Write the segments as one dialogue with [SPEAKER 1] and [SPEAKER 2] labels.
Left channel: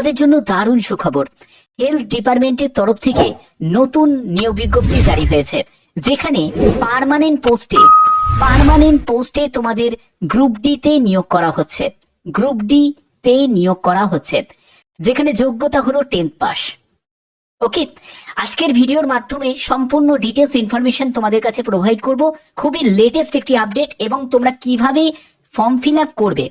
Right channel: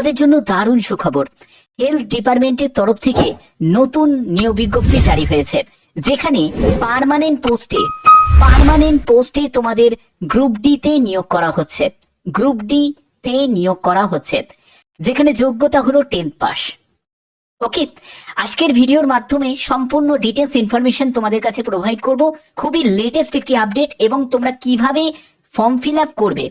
[SPEAKER 1] তোমাদের জন্য দারুণ সুখবর। হেলথ ডিপার্টমেন্টের তরফ থেকে নতুন নিয়োগ বিজ্ঞপ্তি জারি হয়েছে, যেখানে পার্মানেন্ট পোস্টে পার্মানেন্ট পোস্টে তোমাদের গ্রুপ ডি তে নিয়োগ করা হচ্ছে। গ্রুপ ডি তে নিয়োগ করা হচ্ছে, যেখানে যোগ্যতা হলো টেন্থ পাস ওকে আজকের ভিডিওর মাধ্যমে সম্পূর্ণ ডিটেলস ইনফরমেশন তোমাদের কাছে প্রোভাইড করব। খুবই লেটেস্ট একটি আপডেট এবং তোমরা কীভাবে ফর্ম ফিল আপ করবে।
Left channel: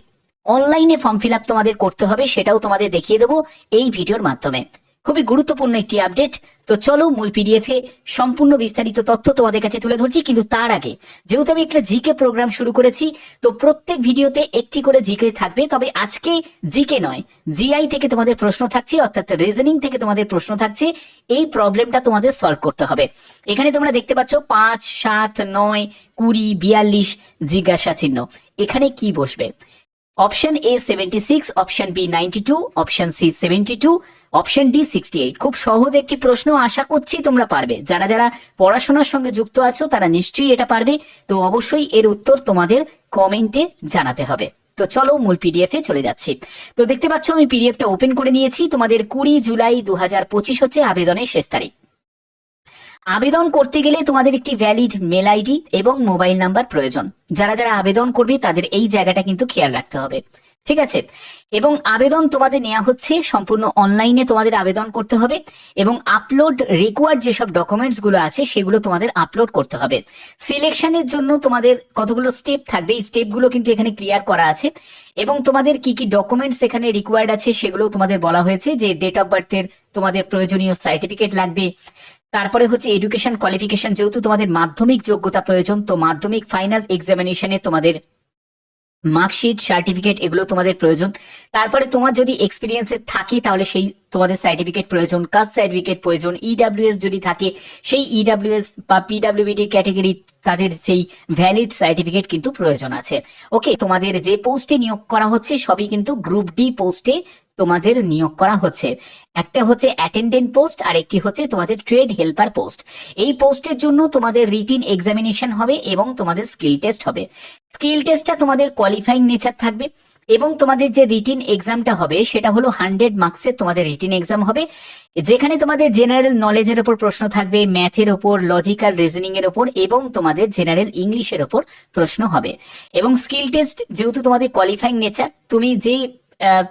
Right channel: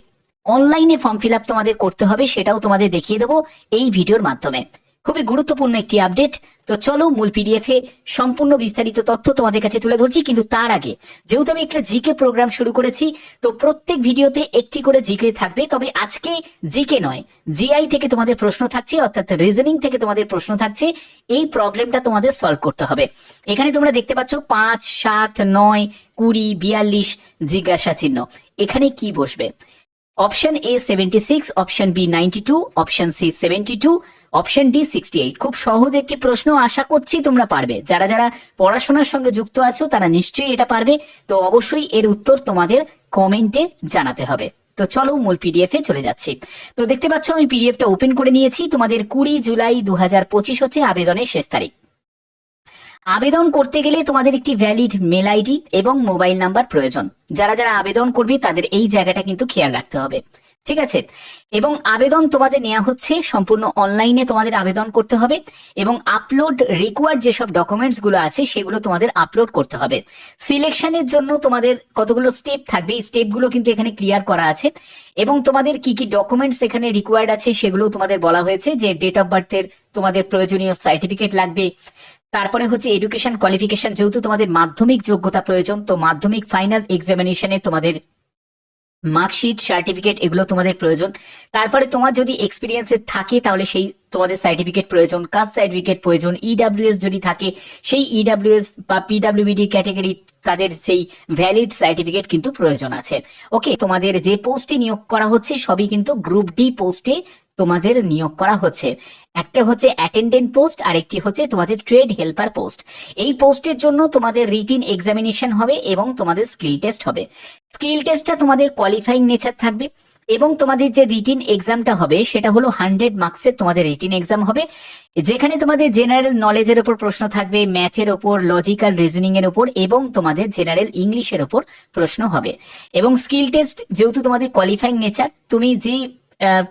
[SPEAKER 1] অনলাইনে ফর্ম ফিল তোমাদের করতে হবে, সেটাও তোমাদের দেখিয়ে দেবো এই ভিডিওর মাধ্যমে। খুবই গুরুত্বপূর্ণ একটি আপডেট তো চলো মূল পিডিএফ এ সম্পূর্ণ বিস্তারিত তথ্য তোমাদের কাছে তুলে ধরছি, কিন্তু তার আগে, যেহেতু আমি একটা জিকে প্রোগ্রাম শুরু করেছি, তো প্রত্যেক ভিডিওতে একটি করে জিকে থাকবে, তবে আজকে জিকে নয়, জিআই থেকে তোমাদের প্রশ্ন থাকছে, অর্থাৎ রিজনিং থেকে তোমাদের প্রশ্ন থাকছে, এই প্রবলেমটা তোমাদের সলভ করতে হবে। এখানে তোমরা দেখতে পাচ্ছ পাঁচ, সাত, নয়, কুড়ি, বিয়াল্লিশ জিজ্ঞাসা চিহ্ন এখানে কি বসবে? Option A seventy six option B ninety two option C seventy two option D sixty eight খুব সহজ একটি প্রশ্ন আশা করছি তোমরা পারবে। যারা যারা পড়াশোনার সঙ্গে যুক্ত আছো, তারা নিশ্চয়ই এটা পারবে। তো অবশ্যই এর উত্তর তোমাদের কমেন্টে জানাতে হবে। তো চলো মূল পিডিএফ এ চলে যাচ্ছি। তো দেখতে পাচ্ছ, আমি পিডিএফটা ওপেন করে নিয়েছি। তোমাদের কুড়ি জুলাই দু হাজার পঁচিশ হচ্ছে আবেদনের শেষ তারিখ। আবেদন করতে গেলে তোমাদের একটি ভ্যালিড মেল আইডি এবং মোবাইল নাম্বার প্রয়োজন। যারা যারা আবেদন করবে, তাদের এই জায়গাটা কিন্তু খেয়াল রাখতে হবে। ঠিক আছে? এবং আবেদন তোমাদের নেওয়া হচ্ছে, সম্পূর্ণ অনলাইনে তোমাদের আবেদন করতে হবে এবং আপলোড রিকোয়ার্ড যেসব ডকুমেন্টসগুলো আছে, সেগুলো তোমাদের আপলোড করতে হবে। সিলেকশনের জন্য তোমাদের কতগুলো স্টেপ থাকবে, এই স্টেপগুলো কিন্তু এখানে ক্লিয়ার করা আছে। এবং তোমাদের কি কি ডকুমেন্টস এখানে রিকোয়ার্ড আছে, সেগুলো তোমাদের বলা হয়েছে যে ডেট অফ বার্থের তোমাদের প্রয়োজনীয় সার্টিফিকেট লাগবে তারপরে হচ্ছে এডুকেশন কোয়ালিফিকেশন যেহেতু তোমাদের মাধ্যমিক যোগ্যতা প্রয়োজন, তো মাধ্যমিক ফাইনাল এক্সামিনেশনে তোমাদের মার্কশিট সার্টিফিকেট এগুলো তোমাদের প্রয়োজন। তারপরে তোমার যদি এক্সপিরিয়েন্স থাকে, তাহলে সেই তোমাদের সার্টিফিকেট প্রয়োজন কাস্ট সার্টিফিকেট প্রয়োজন ইডাব্লিউএস যদি থাকে, সেই ইডাব্লিউএস বা পিডাব্লিউবিডি ক্যাটাগরি তাদের সেই ভ্যালিড সার্টিফিকেট কিন্তু প্রয়োজন আছে। ওকে তোমাদের যে পোস্টে নিয়োগ করা হচ্ছে, সবই কিন্তু গ্রুপ ডি পোস্টে তোমাদের নিয়োগ করা হচ্ছে। একটা হচ্ছে অ্যাটেন্ডেন্ট পোস্ট আর একটি হচ্ছে তোমাদের ট্রেড হেল্পার পোস্ট এই পোস্টের জন্য তোমাদের রিটিন এক্সামিনেশন হবে এবং তোমাদের স্কিল টেস্ট হবে। স্কিল টেস্টটা তোমাদের কোয়ালিফাইং নেচার থাকবে এবং তোমাদের যে রিটিন এক্সামটা হবে, সেটা হলো হান্ড্রেড মার্কসের তোমাদের রিটিন এক্সাম হবে। যেখানে তোমাদের জেনারেল নলেজের ওপর প্রশ্ন থাকবে ম্যাথের ওপর লজিক্যাল রিজনিং এর ওপর এবং তোমাদের জেনারেল ইংলিশের ওপর প্রশ্ন হবে। এবং স্কিল টেস্ট যেহেতু তোমাদের কোয়ালিফাইং নেচার তুমি যে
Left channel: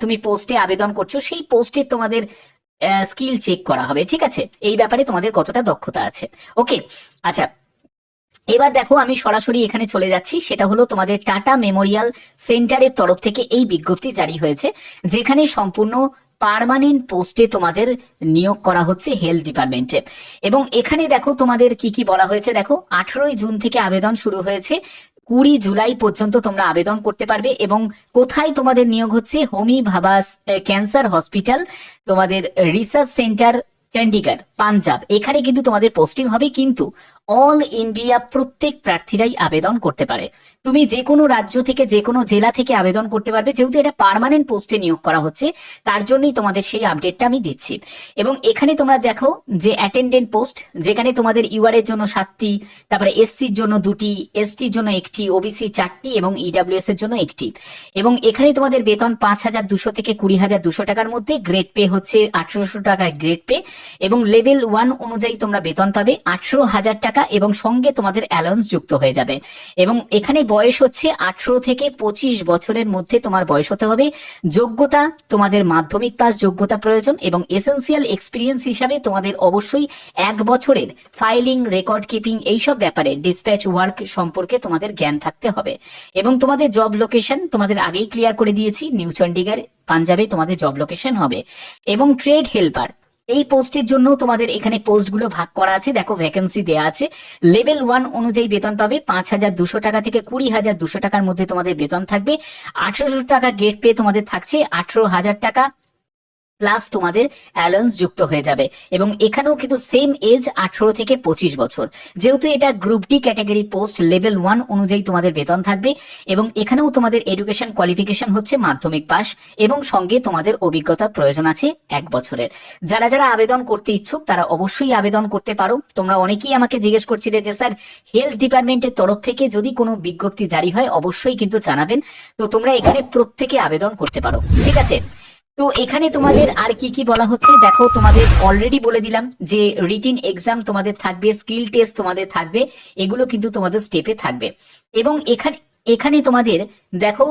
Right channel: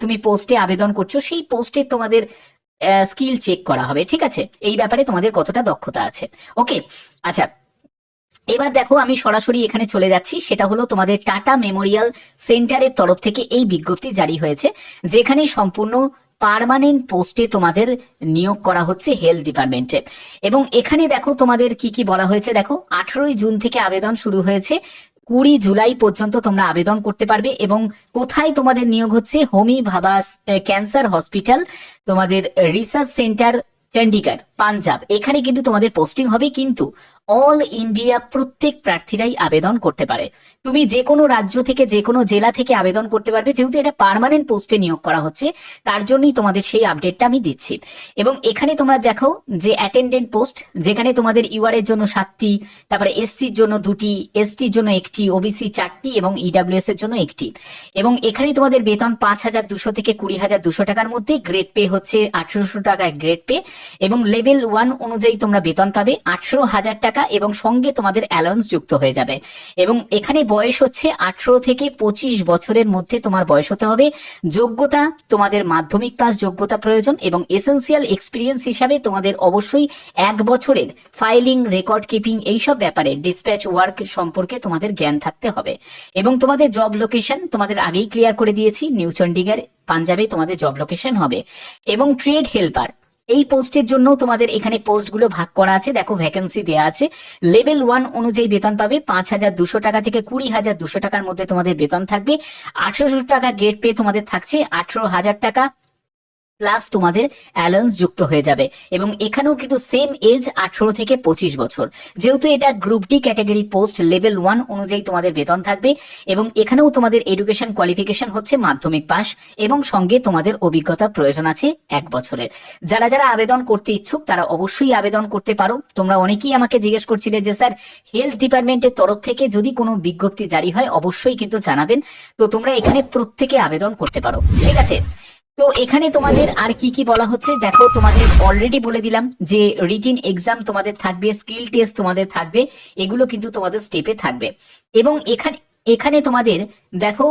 [SPEAKER 1] তুমি পোস্টে আবেদন করছ, সেই পোস্টে তোমাদের স্কিল চেক করা হবে, ঠিক আছে? এই ব্যাপারে তোমাদের কতটা দক্ষতা আছে? ওকে আচ্ছা। এবার দেখো, আমি সরাসরি এখানে চলে যাচ্ছি। সেটা হলো তোমাদের টাটা মেমোরিয়াল সেন্টারের তরফ থেকে এই বিজ্ঞপ্তি জারি হয়েছে, যেখানে সম্পূর্ণ পার্মানেন্ট পোস্টে তোমাদের নিয়োগ করা হচ্ছে হেলথ ডিপার্টমেন্টে এবং এখানে দেখো তোমাদের কি কি বলা হয়েছে, দেখো, আঠেরোই জুন থেকে আবেদন শুরু হয়েছে। কুড়ি জুলাই পর্যন্ত তোমরা আবেদন করতে পারবে এবং কোথায় তোমাদের নিয়োগ হচ্ছে? হোমি ভাবাস ক্যান্সার হসপিটাল, তোমাদের রিসার্চ সেন্টার চণ্ডীগড় পাঞ্জাব। এখানে কিন্তু তোমাদের পোস্টিং হবে, কিন্তু অল ইন্ডিয়া প্রত্যেক প্রার্থীরাই আবেদন করতে পারে। তুমি যে কোনো রাজ্য থেকে যে কোনো জেলা থেকে আবেদন করতে পারবে, যেহেতু এটা পার্মানেন্ট পোস্টে নিয়োগ করা হচ্ছে, তার জন্যই তোমাদের সেই আপডেটটা আমি দিচ্ছি। এবং এখানে তোমরা দেখো যে অ্যাটেন্ডেন্ট পোস্ট যেখানে তোমাদের ইউআর এর জন্য সাতটি, তারপরে এসসির জন্য দুটি এসটির জন্য একটি ওবিসি চারটি এবং ইডাব্লিউএস এর জন্য একটি। এবং এখানে তোমাদের বেতন পাঁচ হাজার দুশো থেকে কুড়ি হাজার দুশো টাকার মধ্যে গ্রেড পে হচ্ছে আঠারোশো টাকায় গ্রেড পে এবং লেভেল ওয়ান অনুযায়ী তোমরা বেতন পাবে আঠারো হাজার টাকা এবং সঙ্গে তোমাদের অ্যালাউন্স যুক্ত হয়ে যাবে। এবং এখানে বয়স হচ্ছে আঠারো থেকে পঁচিশ বছরের মধ্যে তোমার বয়স হতে হবে। যোগ্যতা, তোমাদের মাধ্যমিক পাস যোগ্যতা প্রয়োজন এবং এসেন্সিয়াল এক্সপিরিয়েন্স হিসাবে তোমাদের অবশ্যই এক বছরের ফাইলিং রেকর্ড কিপিং এইসব ব্যাপারে ডিসপ্যাচ ওয়ার্ক সম্পর্কে তোমাদের জ্ঞান থাকতে হবে। এবং তোমাদের জব লোকেশন তোমাদের আগেই ক্লিয়ার করে দিয়েছি। নিউ চণ্ডীগড় পাঞ্জাবে তোমাদের জব লোকেশন হবে। এবং ট্রেড হেল্পার এই পোস্টের জন্য তোমাদের এখানে পোস্টগুলো ভাগ করা আছে। দেখো ভ্যাকেন্সি দেওয়া আছে। লেভেল ওয়ান অনুযায়ী বেতন পাবে পাঁচ হাজার দুশো টাকা থেকে কুড়ি হাজার দুশো টাকার মধ্যে তোমাদের বেতন থাকবে। আঠারোশো টাকা গেট পে তোমাদের থাকছে আঠারো হাজার টাকা। প্লাস তোমাদের অ্যালাউন্স যুক্ত হয়ে যাবে। এবং এখানেও কিন্তু সেম এজ আঠারো থেকে পঁচিশ বছর। যেহেতু এটা group D category post level one অনুযায়ী তোমাদের বেতন থাকবে এবং এখানেও তোমাদের এডুকেশন কোয়ালিফিকেশন হচ্ছে মাধ্যমিক পাস এবং সঙ্গে তোমাদের অভিজ্ঞতা প্রয়োজন আছে এক বছরের। যারা যারা আবেদন করতে ইচ্ছুক, তারা অবশ্যই আবেদন করতে পারো। তোমরা অনেকেই আমাকে জিজ্ঞেস করছিলে যে, স্যার হেলথ ডিপার্টমেন্টের তরফ থেকে যদি কোনো বিজ্ঞপ্তি জারি হয়, অবশ্যই কিন্তু জানাবেন। তো তোমরা এখানে প্রত্যেকে আবেদন করতে পারো। ঠিক আছে? তো এখানে তোমাদের আর কি কি বলা হচ্ছে? দেখো, তোমাদের অলরেডি বলে দিলাম যে রিটিন এক্সাম তোমাদের থাকবে স্কিল টেস্ট তোমাদের থাকবে, এগুলো কিন্তু তোমাদের স্টেপে থাকবে। এবং এখানে এখানে তোমাদের, দেখো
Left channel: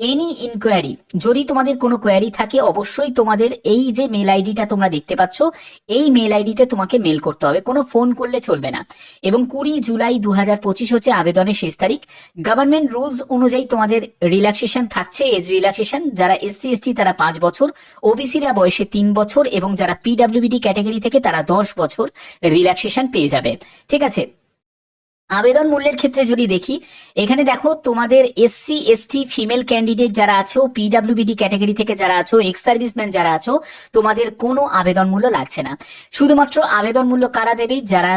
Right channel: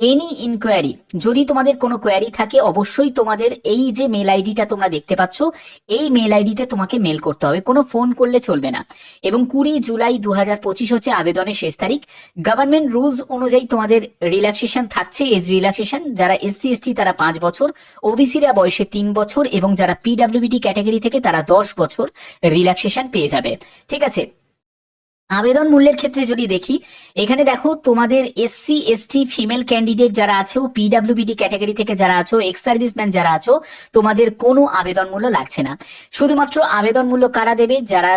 [SPEAKER 1] এনি ইনকোয়ারি যদি তোমাদের কোনো কোয়ারি থাকে, অবশ্যই তোমাদের এই যে মেল আইডিটা তোমরা দেখতে পাচ্ছ, এই মেল আইডিতে তোমাকে মেল করতে হবে। কোনো ফোন করলে চলবে না। এবং কুড়ি জুলাই দু হাজার পঁচিশ হচ্ছে আবেদনের শেষ তারিখ। গভর্নমেন্ট রুলস অনুযায়ী তোমাদের রিল্যাক্সেশন থাকছে এজ রিল্যাক্সেশন যারা এসসি এসটি তারা পাঁচ বছর। ওবিসিরা বয়সে তিন বছর এবং যারা পিডাব্লিউবিডি ক্যাটাগরি থেকে তারা দশ বছর রিল্যাক্সেশন পেয়ে যাবে। ঠিক আছে? আবেদন মূল্যের ক্ষেত্রে যদি দেখি, এখানে দেখো তোমাদের এসসি এসটি ফিমেল ক্যান্ডিডেট যারা আছো পিডাব্লিউবিডি ক্যাটাগরি থেকে যারা আছো এক্স সার্ভিসম্যান যারা আছো, তোমাদের কোনো আবেদন মূল্য লাগছে না। শুধুমাত্র আবেদন মূল্য কারা দেবে? যারা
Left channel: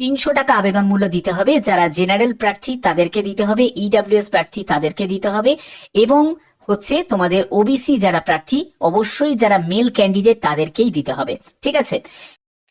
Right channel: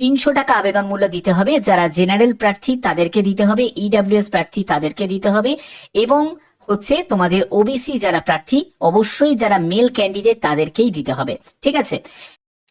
[SPEAKER 1] তিনশো টাকা আবেদন মূল্য দিতে হবে, যারা জেনারেল প্রার্থী তাদেরকে দিতে হবে ইডাব্লিউএস প্রার্থী তাদেরকে দিতে হবে, এবং হচ্ছে তোমাদের ওবিসি যারা প্রার্থী, অবশ্যই যারা মেল ক্যান্ডিডেট তাদেরকেই দিতে হবে। ঠিক আছে?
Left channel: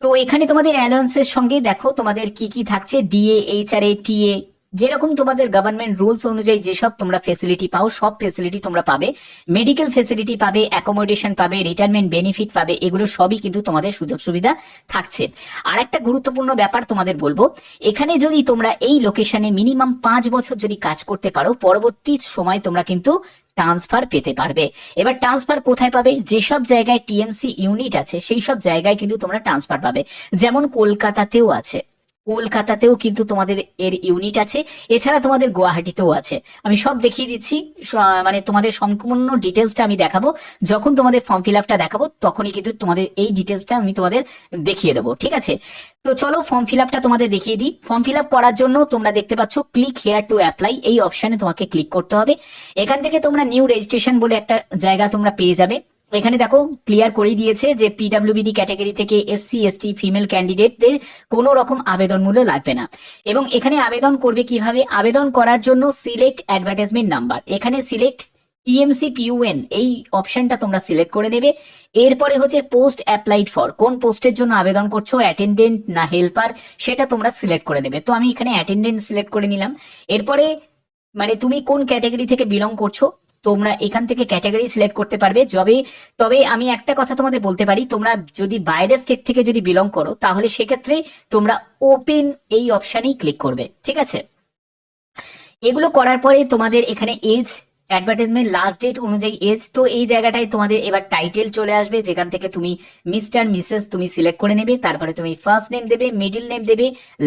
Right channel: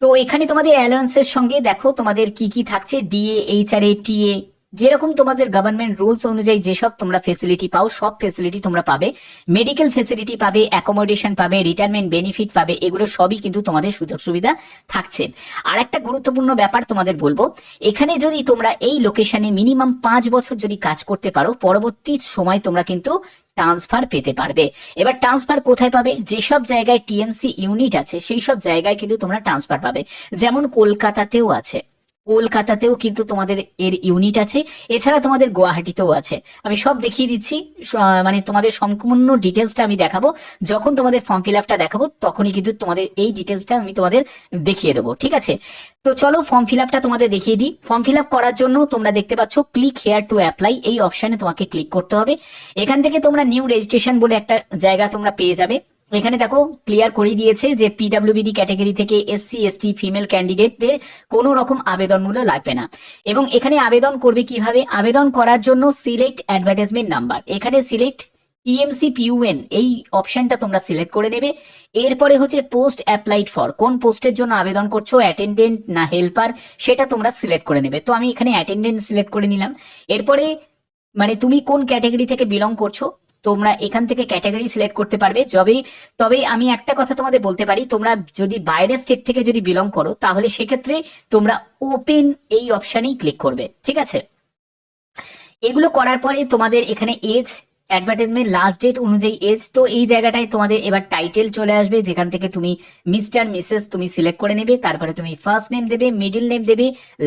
[SPEAKER 1] তো এখানে তোমাদের অ্যালায়েন্সের সঙ্গে দেখো তোমাদের কি কি থাকছে ডিএ এইচ আর এইচআরএ টিএ যেরকম তোমাদের গভর্নমেন্ট রুলস অনুযায়ী যেসব তোমরা ফেসিলিটি পাও, সব ফেসিলিটি তোমরা পাবে। মেডিকেল ফেসিলিটি পাবে অ্যাকোমোডেশন পাবে রিটায়ারমেন্ট বেনিফিট পাবে, এগুলো সবই কিন্তু তোমাদের সুযোগ সুবিধা থাকছে। আর একটা গুরুত্বপূর্ণ ব্যাপার তোমাদের বলব, এখানে যদি তোমরা এই লোকেশনে মিনিমাম পাঁচ বছর যদি কাজ করতে পারো, পরবর্তী সময় তোমরা কিন্তু ট্রান্সফার পেতে পারবে। এবার ট্রান্সফার কোথায় পাবে? যেসব জায়গায় টিএমসি ইউনিট আছে সেই সব জায়গায় কিন্তু তোমরা ট্রান্সফার পাবে। যেমন কলকাতাতেও আছে। কলকাতাতেও কিন্তু তোমাদের এর ইউনিট আছে। এছাড়া তোমাদের গুয়াহাটিতেও আছে। আমি সব দেখিয়ে দিচ্ছি। মানে তোমাদের সম্পূর্ণ ডিটেলসটা আমি দেখাবো। যখন তোমাদের ফর্ম ফিল আপটা দেখাবো, তখনই কিন্তু তোমাদের এই ডিটেলসটা আমি তোমাদের দেখিয়ে দেবো। ঠিক আছে? তো চলো ফর্ম ফিল আপটা তোমাদের দেখিয়ে দিই। ফর্ম ফিল আপ করার জন্য তোমরা দেখতে পাচ্ছ ক্লিক হেয়ার টু অ্যাপ্লাই এই অপশনে তোমাকে ক্লিক করতে হবে। এখান থেকে তোমরা নিউ রেজিস্ট্রেশন বলে একটা জায়গা তোমরা পেয়ে যাবে। এখানে দেখো ক্লিয়ার করে দিয়েছে যে পিডাব্লিউবিডি ক্যাটাগরি থেকে এসসি এসটি ফিমেল ক্যান্ডিডেটদের কোনো রকম আবেদন মূল্য লাগবে না। এবং এখানে আবেদন করবে কীভাবে? আবেদন করার জন্য সিলেক্ট অ্যাডভার্টাইজমেন্ট নাম্বার এখানে সিলেক্ট টিএমসি পিউএন এই অপশনটা তোমরা সিলেক্ট করে নেবে। এরপরে হচ্ছে পোস্ট অ্যাপ্লাইড ফর কোন পোস্টের জন্য আবেদন করছ? অ্যাটেন্ডেন্ট না হেল্পার সেটা তোমরা সিলেক্ট করে নেবে। তো আমি এখানে অ্যাটেন্ডেন্ট সিলেক্ট করে নিলাম। এরপরে মানে তুমি কোন ক্যাটাগরি থেকে বিলং করছ? তোমরা এখান থেকে ক্যাটাগরি সিলেক্ট করতে পারবে। যবে, তবে আমি একটা কথা তোমাদের বলতে পারি, তোমরা যদি বাইরের স্টেট থেকে যদি বিলং করো, তাহলে সেক্ষেত্রে তোমরা ওপেন এই অপশানেই ক্লিক করবে, ঠিক আছে? এগুলো করার পরে তোমাদের এখানে এজ অ্যাডভার্টাইজমেন্ট লাস্ট ডেট অনুযায়ী এজ তো এই জায়গাটায় তোমাদের এবার টাইটেল চলে আসবে, যেখান থেকে তুমি মিস্টার মিসেস তুমি সিলেক্ট করে নেবে, তারপরে তুমি ফার্স্ট নেম দেবে মিডিল নেম দেবে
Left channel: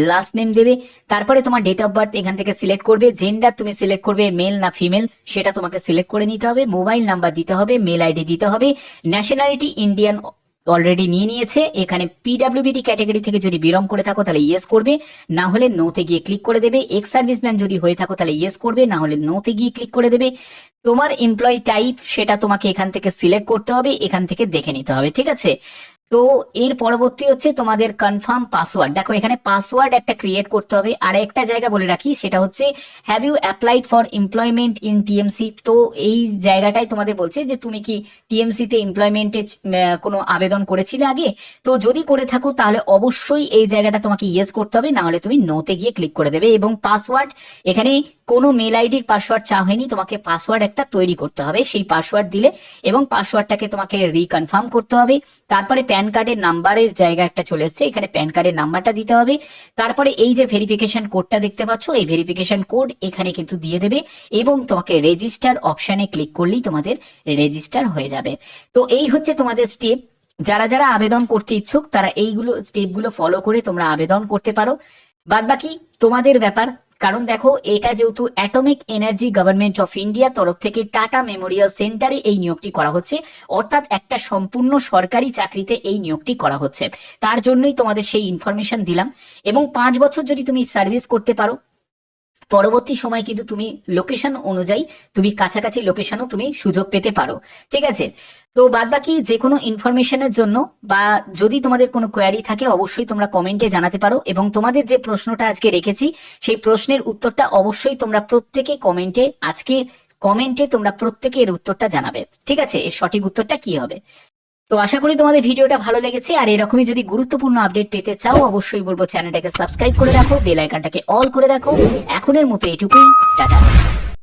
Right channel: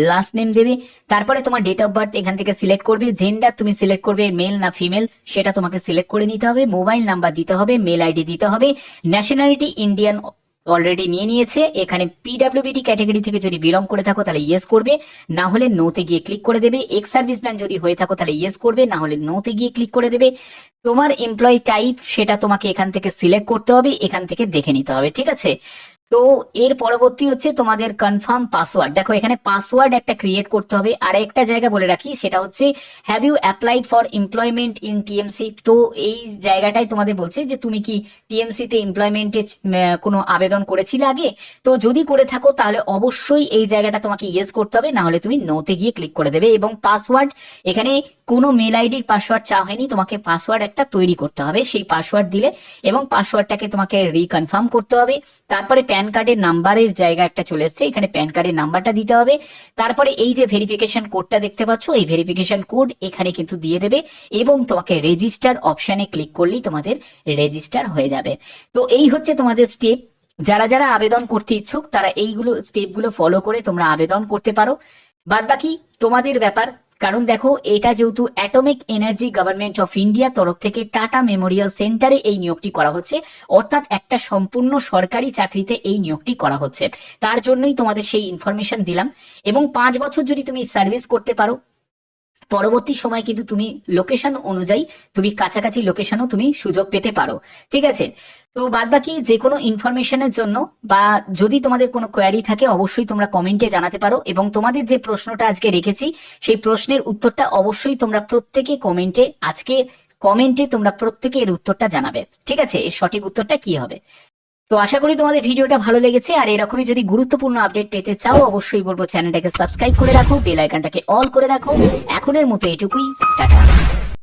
[SPEAKER 1] লাস্ট নেম দেবে, তারপরে তোমার ডেট অফ বার্থ এখান থেকে সিলেক্ট করবে জেন্ডার তুমি সিলেক্ট করবে মেল না ফিমেল সেটা তোমাকে সিলেক্ট করে নিতে হবে মোবাইল নাম্বার দিতে হবে মেল আইডি দিতে হবে ন্যাশনালিটি ইন্ডিয়ান অলরেডি নিয়ে নিয়েছে। এখানে পিডাব্লিউবিডি ক্যাটাগরি থেকে যদি বিলং করে থাকো, তাহলে ইয়েস করবে। না হলে নোতে গিয়ে ক্লিক করে দেবে। এক্স সার্ভিস ম্যান যদি হয়ে থাকো, তাহলে ইয়েস করবে। না হলে নোতে গিয়ে ক্লিক করে দেবে। তোমার এমপ্লয়ি টাইপ সেটা তোমাকে এখান থেকে সিলেক্ট করতে হবে। এখান থেকে দেখে নিতে হবে। ঠিক আছে? তো এর পরবর্তী হচ্ছে তোমাদের কনফার্ম পাসওয়ার্ড দেখো, এখানে পাসওয়ার্ড একটা ক্রিয়েট করতে হবে। আর একটা জায়গা বলে রাখি, সেটা হচ্ছে have you applied for employment in TMC তো এই জায়গাটাই তোমাদের বলছে যে, তুমি কি টিএমসি তে এমপ্লয়মেন্টে কোনো আবেদন করেছিলে আগে? তো যদি করে থাকো, তাহলে অবশ্যই এই জায়গাটা তোমাকে ইয়েস করতে হবে। না হলে তুমি নোতে গিয়ে ক্লিক করে দেবে। এবং পাসওয়ার্ড এখানে কোনো মেল আইডির পাসওয়ার্ড চা হয়নি। তোমাকে পাসওয়ার্ড একটা তৈরি করতে হবে। সেই পাসওয়ার্ড দিলে এবং পাসওয়ার্ডটাকে তোমাকে রিকনফার্ম করতে হবে। তারপরে প্যান কার্ডের নাম্বারের জায়গা একটা চলে এসছে, এখানে প্যান কার্ডের নাম্বারটা দিতে হবে। তারপরে এই যে ভেরিফিকেশন কোডটা দেখতে পাচ্ছ, এই ভেরিফিকেশন কোড এখানে কিন্তু দিয়ে দেবে এবং তোমাকে রেজিস্টার অপশানে ক্লিক করলেই তোমাদের রেজিস্টার হয়ে যাবে। তো এই হচ্ছে তোমাদের স্টেপ যারা যারা আবেদন করতে ইচ্ছুক, তারা এইগুলো স্টেপগুলো ফলো করে তোমরা আবেদন করতে পারো। বাদ বাকি তোমাদের ব্যাপার কারণ দেখো, এটা যেহেতু atomic energy government of India তরফ থেকে টাটা মেমোরিয়াল সেন্টারে এই নিয়োগটি করা হচ্ছে। অর্থাৎ একটা সম্পূর্ণ সরকারি চাকরিতে এই নিয়োগটি করা হচ্ছে। তার জন্যই তোমাদের সেই ইনফরমেশন দিলাম। এবং পাঁচ বছর যদি তুমি সার্ভিস করতে পারো পরবর্তী সময় কিন্তু তুমি লোকেশন অনুযায়ী তুমি কাছাকাছি লোকেশনও তুমি সুযোগ পেতে পারো। ঠিক আছে? তো বাদ বাকি যে কোনো ইনফরমেশনের জন্য বা যদি তোমাদের কোনো কোয়ারি থাকে, অবশ্যই তোমরা কমেন্টে জানাতে পারো এবং তোমাদের যে প্রশ্নটা আজকে রেখেছি, সেই প্রশ্নের উত্তরটা অবশ্যই তোমরা প্রত্যেকে কমেন্টে আজকে কমেন্টে তোমরা প্রত্যেকে এর উত্তরটা জানাবে। ঠিক আছে? এর সঠিক উত্তরটা কি হবে? তো আশা করি তোমাদের ভিডিওটা ভালো লেগেছে, আর এরকমই যদি গুরুত্বপূর্ণ আপডেট পেতে চাও, অবশ্যই বলব চ্যানেলটাকে সাবস্ক্রাইব করে রাখো, বেল আইকনটাকে অল করে রাখো। এখনের মতো এটুকুই, টাটা।